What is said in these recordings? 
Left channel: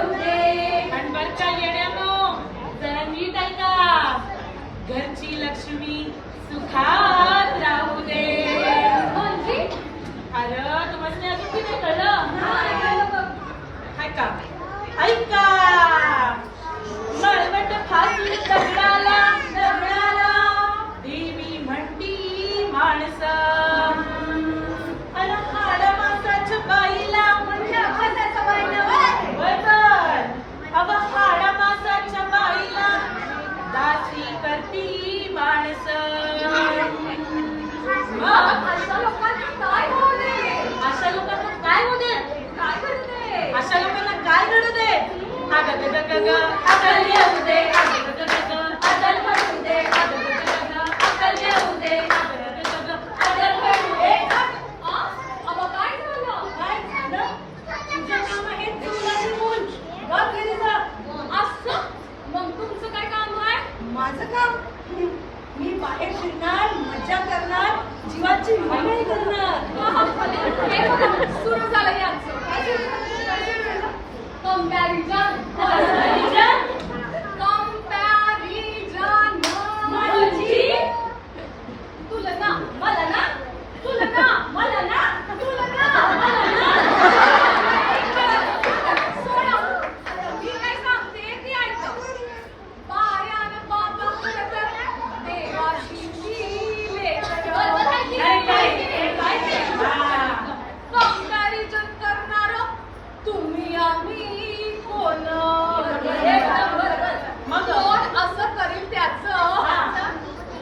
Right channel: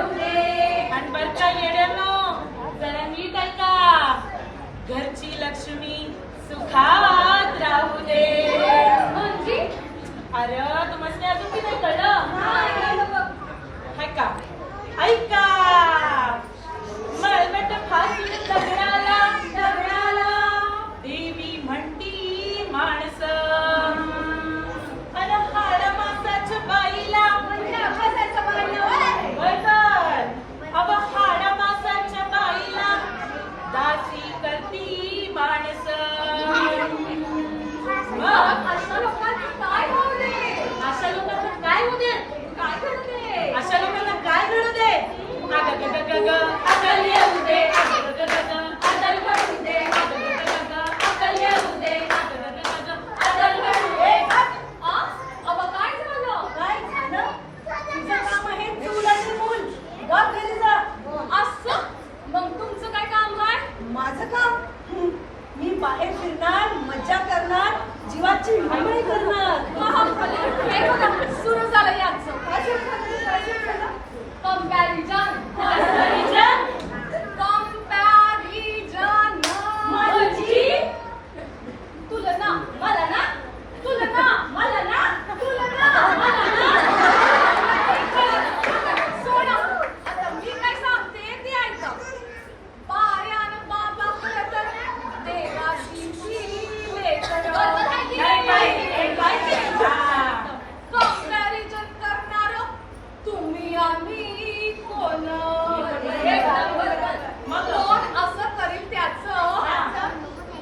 येऊ दे. आणि बर का येड्यानो, जरा नीट ऐका. घरची लक्ष्मी सुखात राहू दे. म्हणजे अरे तुम्हाला अजून की नाही कळलं? ऐका ऐका. मळवट फासून दगडाला देवी म्हणती माणस. अन हाड मासाच्या बाईला अव हाड मासाच्या बाईला दासी करती माणस. मग अशा लोकांना काय होऊ दे? अशा लोकांना काय होऊ दे? काय घडू दे? अशा लोकांना काय घडू दे? अग ग ग ग ग अकल येऊ दे. अग ग ग ग ग अदल घडू दे. अग ग ग ग ग अकल येऊ दे. अग ग ग ग ग अदल घडू दे. अबा काय झालं? काय झालं? तुझं नाव आहे चुलाची मूल. गप घरी जा. असं मग तुमचं काय काम आहे? माझं काम? मी बाहेर फिरणार, मज्जा करणार, जीवाची हळहळ करणार. हे बघा सुरू झालं यांचं. काय सुरू झालं? काय सुरू झालं? कंपॅरिझन. म्हणजे? तुलना मला ना, तुलना मला ना, तुलना मला ना. सोडा, आता मी काय सांगते ते ऐका. बायान बाबा खरं तर देवाची लेकरं. कंपॅरिझन करणार तुम्ही आम्ही कोण? मग कोण असं करील त्याचं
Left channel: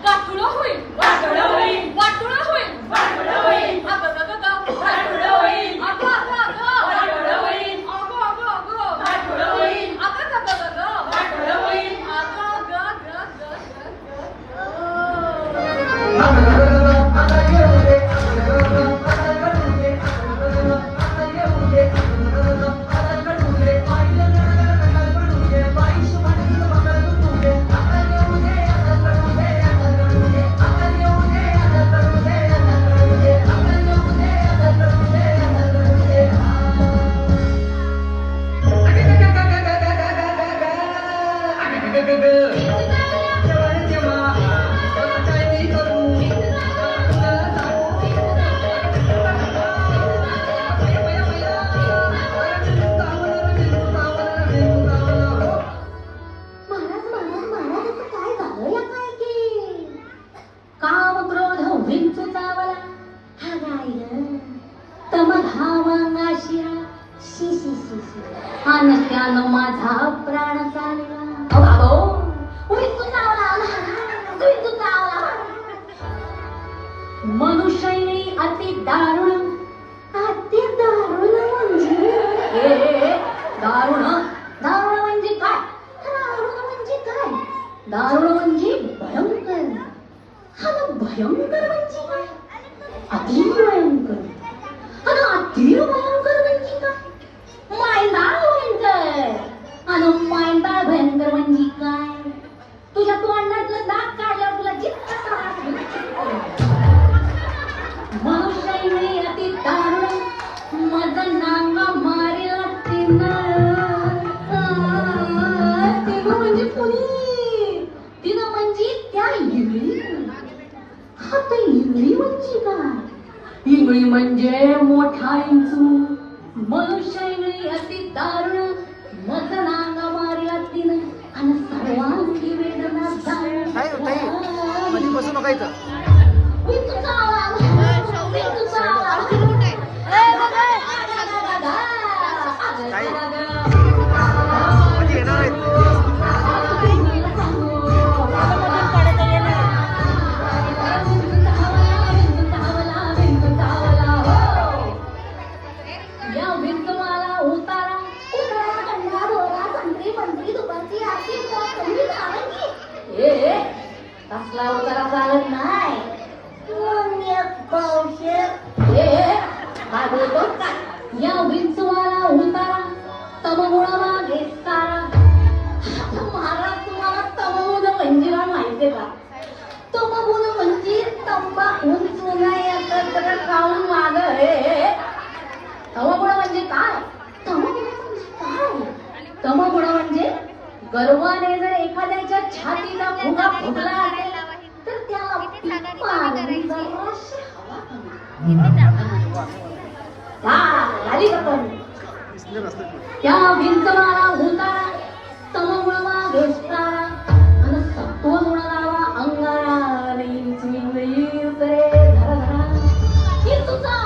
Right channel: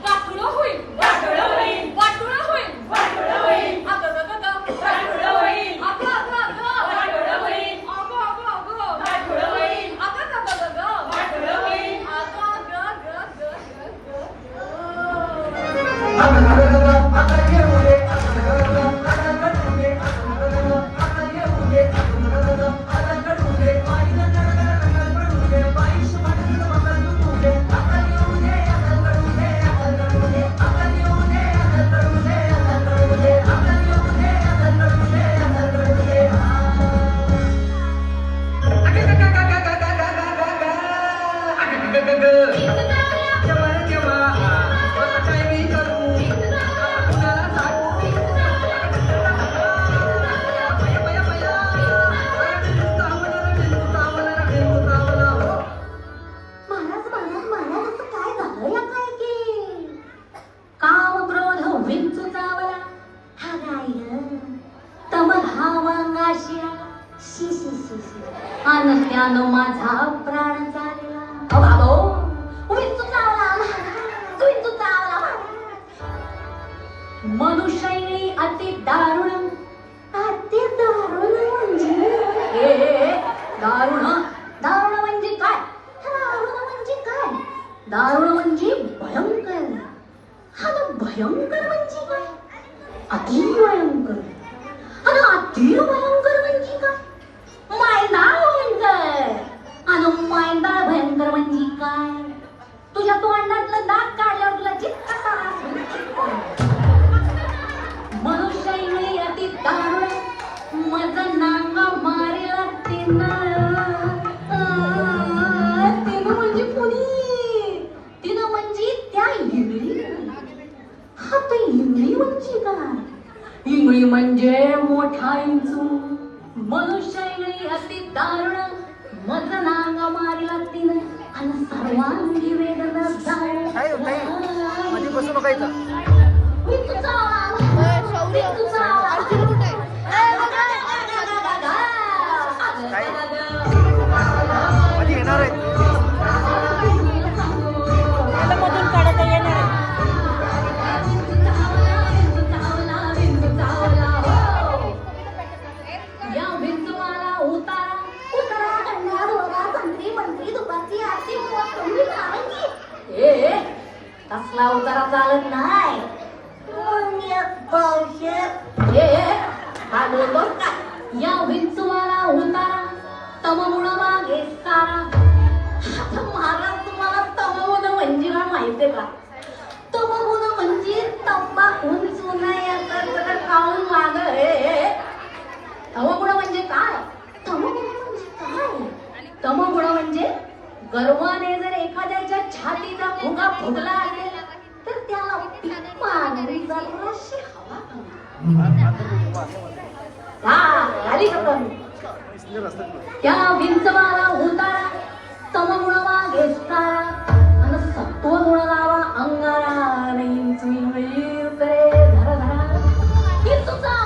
गाठुडं होईल. वाटोळं होईल. वाटुळं होईल. वाटोळं होईल. अगं गं गं गं. वाटोळं होईल. अगं अगं अगं. वाटोळं होईल. अगं अगं अगं. वाटोळं होईल. अगं गं गं गं. वाटोळं होईल. अगं गं गं गं गं माझा प्राण चालला. मनुष्य अति दारुण. अति दारुण म्हणजे दारुण दारुण म्हणजे काय? दारुण म्हणजे काय? दारुण म्हणजे भयंकर. हा भयंकर म्हणजे काय? अति भयंकर. आणि अति भयंकर म्हणजे काय? मायंदाळ भयंकर. आणि मायंदाळ भयंकर म्हणजे काय? तुझ्या तोंडातलं दात काढल्यावर तुला जितका मनुष्य अति दारुण मज नांगा मारेला तिनं म्हणजे कुणी? तिनं म्हणजे त्या इंगळी. हा तर इंगळी म्हणजे काय? इंगळी म्हणजे मोठा इंचू. मनुष्य इंगळी अति दारुण मज नांगा मारेला तिनं आणि सर्वांगी वेदना जाऊ. काय ताई मध्ये बसू नका इथं. ताई मध्ये येणार आहेत. या भिंत मला उतारा कसला उतारा चालत नाही. या भिंचवाला उतारा तमगुणा मागे सारा. महाराज तुम्हाला तमगुण म्हणजे काय माहितीये का? तमगुण म्हणजे तंबाखून चुना एकत्र खाऊन माग. तमगुण म्हणजे काय? तमगुण म्हणजे काय? गर्वाने जर एखाद्याच्या छातीचा फुगा फुगला असेल तर त्याला मारली जराशी हवा कमी. झाली का पण? त्या विंचवाला उतारा तमगुणावा घेसतारा आणि सत्वगुण लावा अंगारा रईन चुईन रुपये धरा धरा की तुझा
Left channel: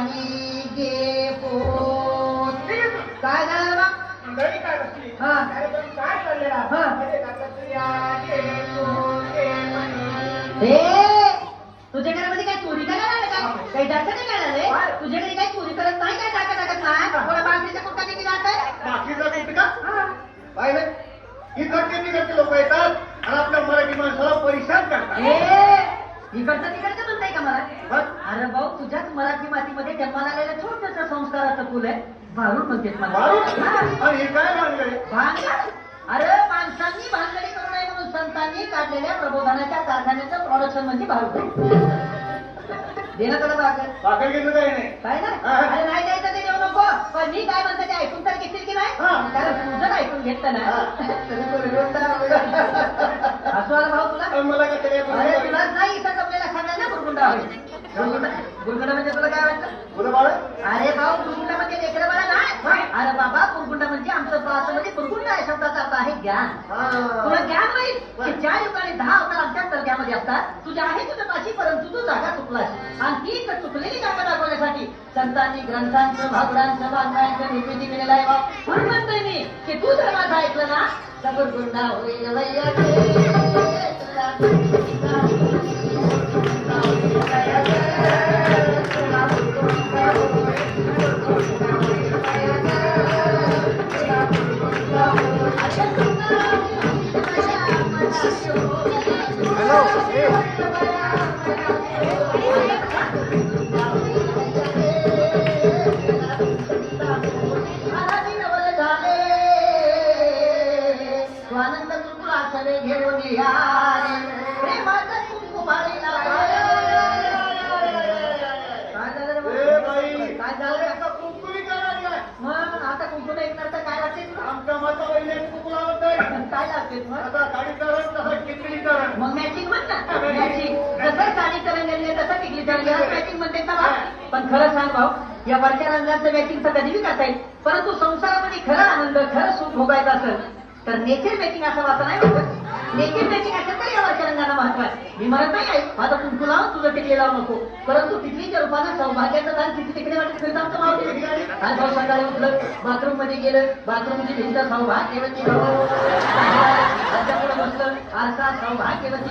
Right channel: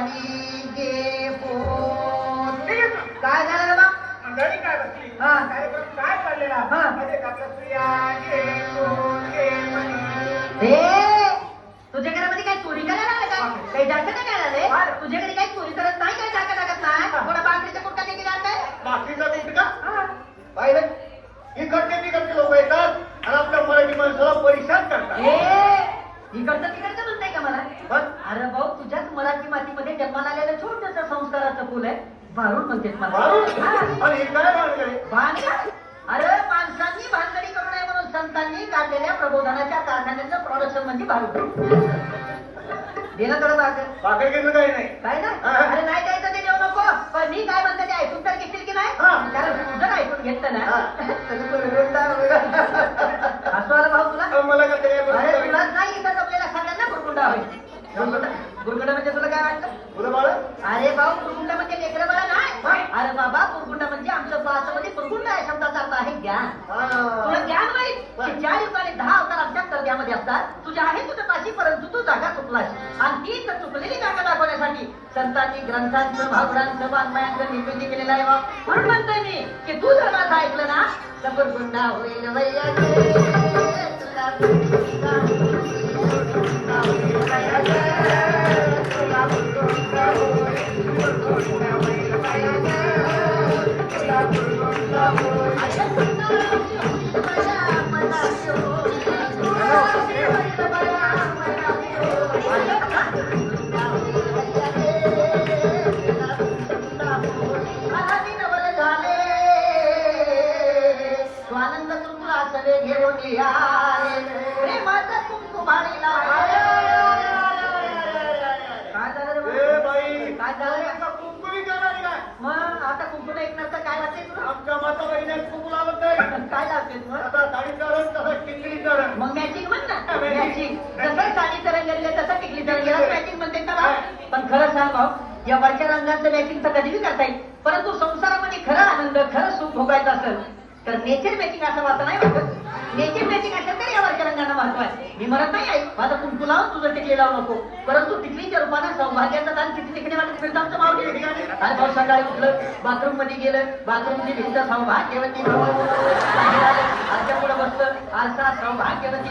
पाणी घे पोट. काय झालं बा? हा. हा. तुझ्याकडे मध्ये काही चोरी करायला आलं का? काही जास्त नाही काय झालंय? तुझ्याकडे काही चोरी करत नाही काय टाकत नाही? थोडा बांगडीचा कुठला किती जात लोक येतात आणि आपल्या मराठी माणसाला परिशान करतात. इकडचं तिकडचं म्हणताय का मला? अरे भाऊ तुझ्याच मराठी मातीमध्ये जन्माला आलेलं छोटंसं संस्काराचं फुल आहे भारूड म्हणते आणि हे काय लागले? अरे माणसांनी भानगडी करू नये म्हणून संतांनी काढलेल्या प्रबोधनाच्या कारखान्याचं प्रोडक्शन म्हणजे भारूड. गेलं करत असेल बाकी घेतलं काही नाही. काय ना? अरे नाही द्यायचं ते देऊ नको. पण मी काय म्हणते ते ऐकून तर घेतील की नाही? कारण तुझं ऐकून घेतलं ना असं आलं भाऊ तुला? मला का तरी अरे तुला नाही इथं आपल्याला सांगायला ना गुरगुंडा होईल. गुरगुंडा म्हणजे तुला काय वाटतं? बोला बाळा. अरे भाऊ गुरगुंडा म्हणजे लेकरं बाळा नाही. अरे बाबा गुरगुंडा म्हणजे आमचं भाषेमध्ये गुरगुंडा या शब्दाचा अर्थ आहे ज्ञान. तुला ज्ञान नाही की ज्या युगाने 10 अवतार आमच्या दर्ग्यामध्ये असतात तुझ्या आहे तुझं पाशी परंतु तू जागा चुकलास आणि ती चुकलेली जागा दाखवण्यासाठी संतांनी ग्रंथांचं भावनांचं वाङ्मयांचं निर्मिती केलेलं आहे. म्हणून म्हणतोय मी की तू जर माझं ऐकलं ना तर गुरगुंडा होईल स्वानंद तुला सगळे घेऊन मग आता कुंकुम एक नसतं काय लागते आमच्या माता कुंकू लावत नाही. काय लागते मग आता साडीकरण तसं चित्रीकरण. मग मॅचिंग म्हण ना मॅचिंग जसं साडीकरण गेले तसं टिकली तर मॅचिंग म्हणते का बा? पण खरं सांग भाऊ या वरच्या रंगाचं मॅचिंग तर कधी करता येईल परंतु संसारामध्ये खरं आनंद खरं सुख भोगायचं असेल तर नेचर मॅचिंग असं वाटत नाही वाटत. नेचर मॅचिंग असेल तर या वरच्या रंगाला महत्व आहे. मी म्हणत नाही आहे माझं कुंकू लावून तुझं टिकले लावू नको परंतु टिकलीच्या रूपानं सौभाग्याचं दान किती टिकले वाटत तिकडे जास्त भाव सकाळी उठलं बाथरूम मध्ये गेलं बाथरूमची भिंत सौभाग्यवती बसलं आरसा सौभाग्यवती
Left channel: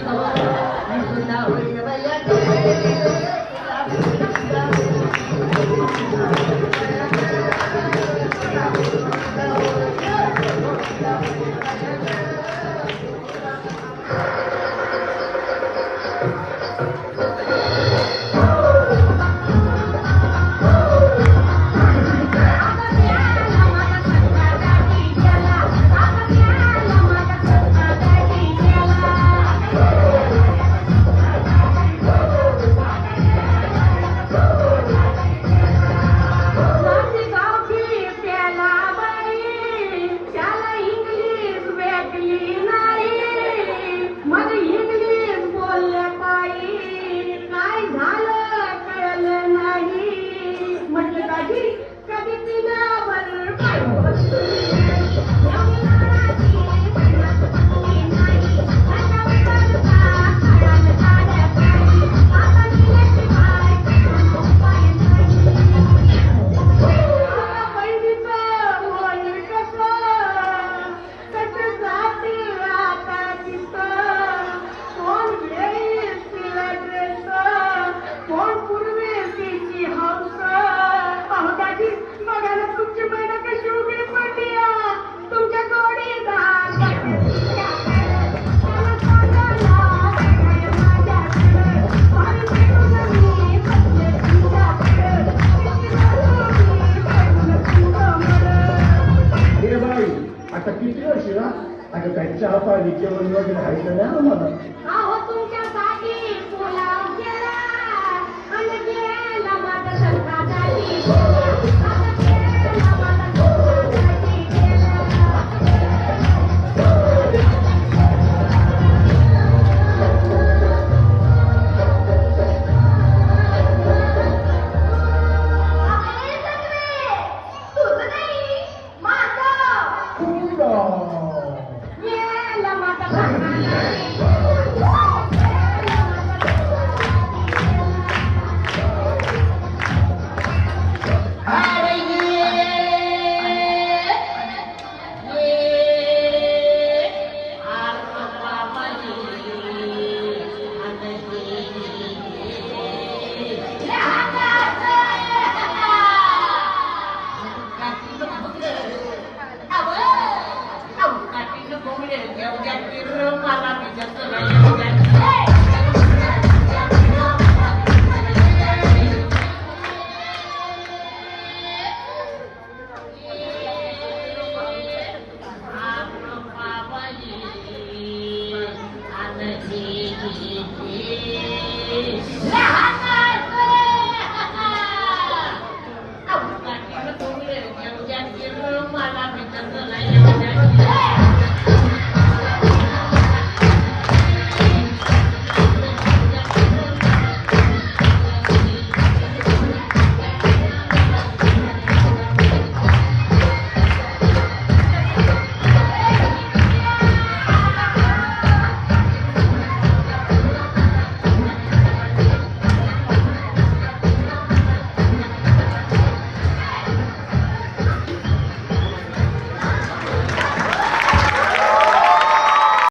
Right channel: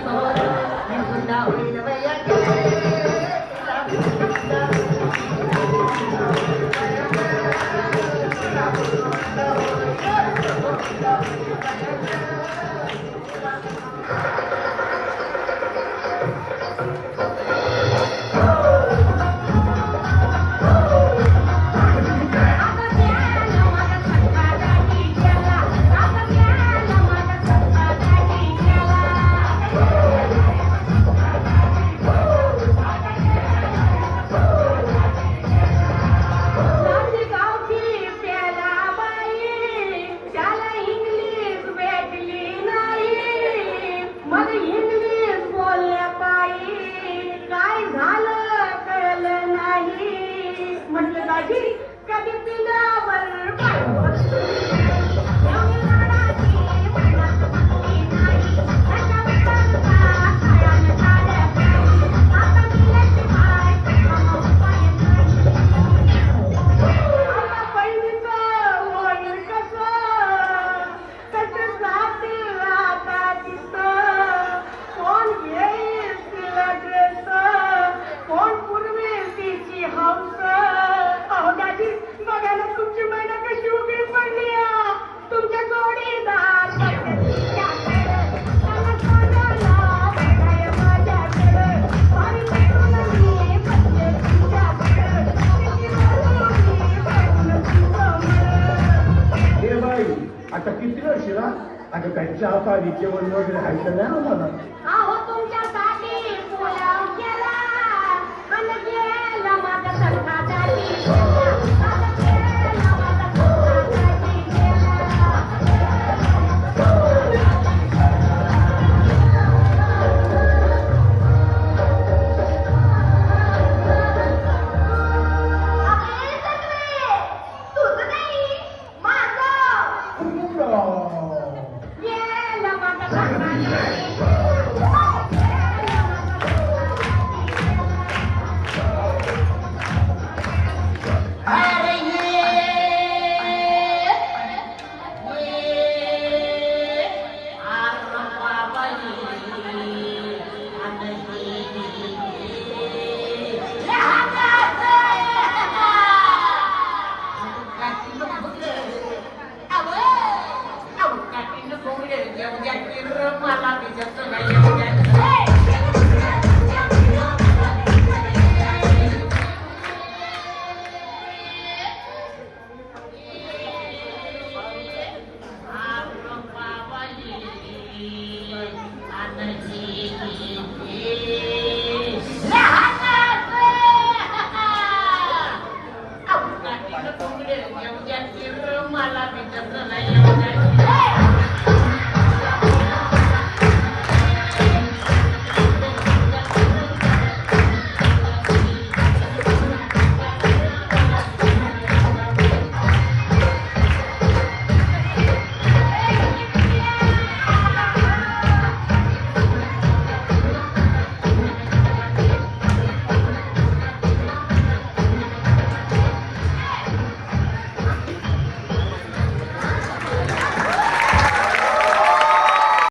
आता किती वर्षी ना आता त्यांच्या पाहिजे जेवण वगैरे खायचं नाही मला